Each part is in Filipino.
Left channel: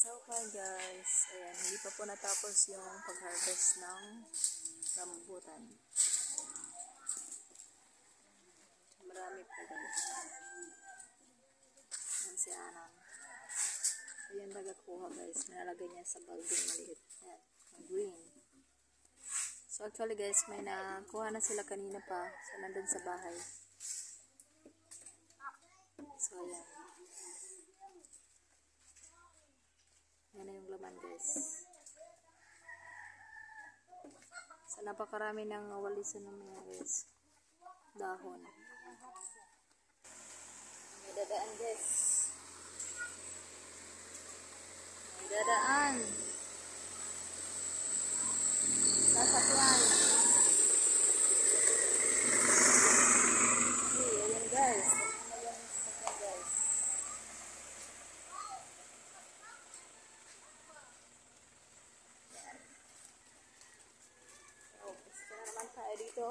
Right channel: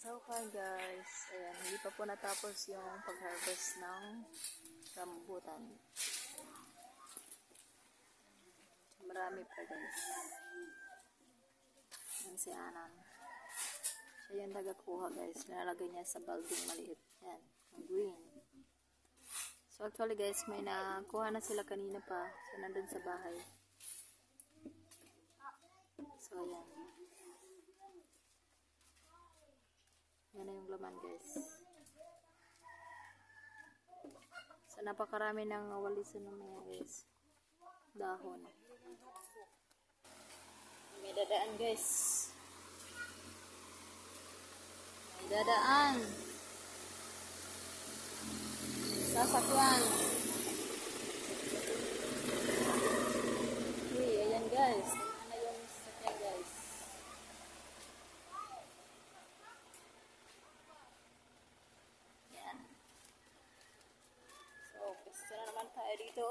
So far guys, ayan, hindi pa po natapos yung pag-harvest ng rambutan. Marami pa guys. Yan si Anan. Ayan nagkuha guys, nilalagay niya sa balding maliit. Yan, ang green. So actually guys, may nakuha na sila kanina pa. So nandun sa bahay. So ayan. Yan na yung laman guys. So napakarami ng walisan ng mga guys. Dahon. May dadaan guys. May dadaan. Sasakyan. Hey, ayan guys. Tingnan na yung sasakyan guys. Yan. So, gusto na naman tayo dito.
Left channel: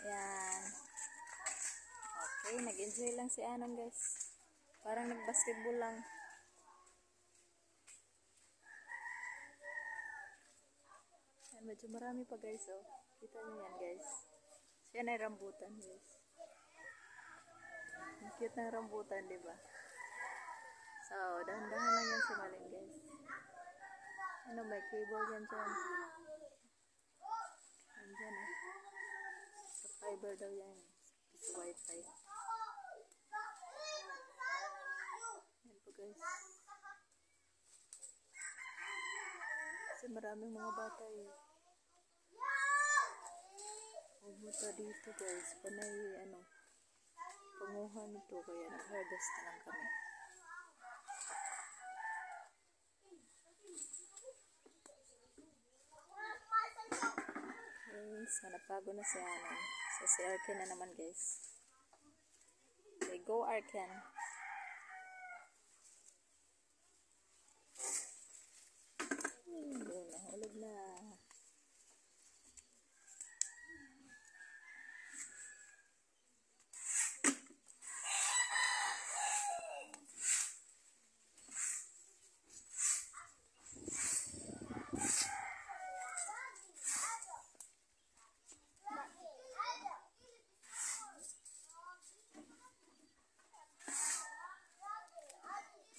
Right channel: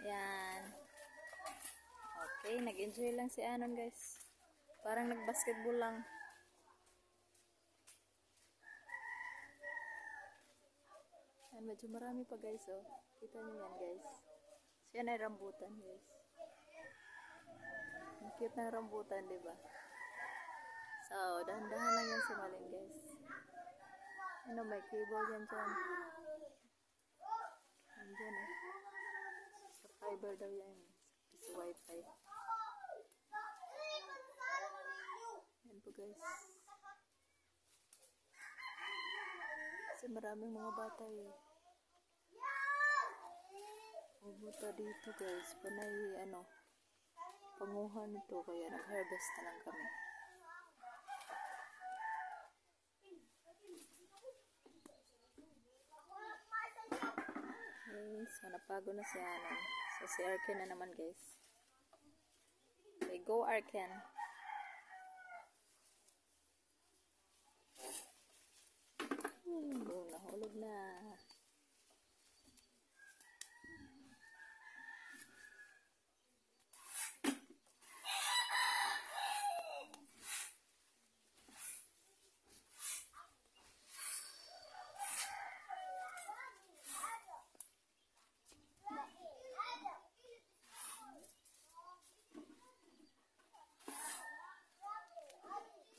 Ayan. Okay, nag-enjoy lang si Anon guys. Parang nag-basketball lang. Ayan, medyo marami pa guys oh. Kita nyo yan guys. So yan ay rambutan guys. Ang cute ng rambutan, diba? So, dahan-dahan lang yan sumalin guys. Ano, may cable yan dyan. Andyan eh. Sa fiber daw yan. Sa wifi. Yan po guys. Kasi maraming mga bata eh. Pumunta dito guys. Panay ano. Panguhan nito. Kaya nag-harvest na lang kami. Okay. So napago na si Anon. So si Arken na naman guys. Okay, go Arken. Nahulog na.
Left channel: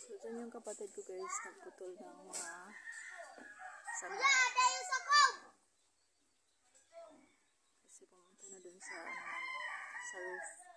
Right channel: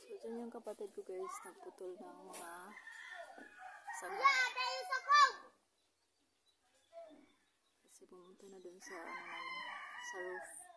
So dyan yung kapatid ko guys, nagputol ng mga sanga. Kasi pumunta na dun sa ano naman, sa roof.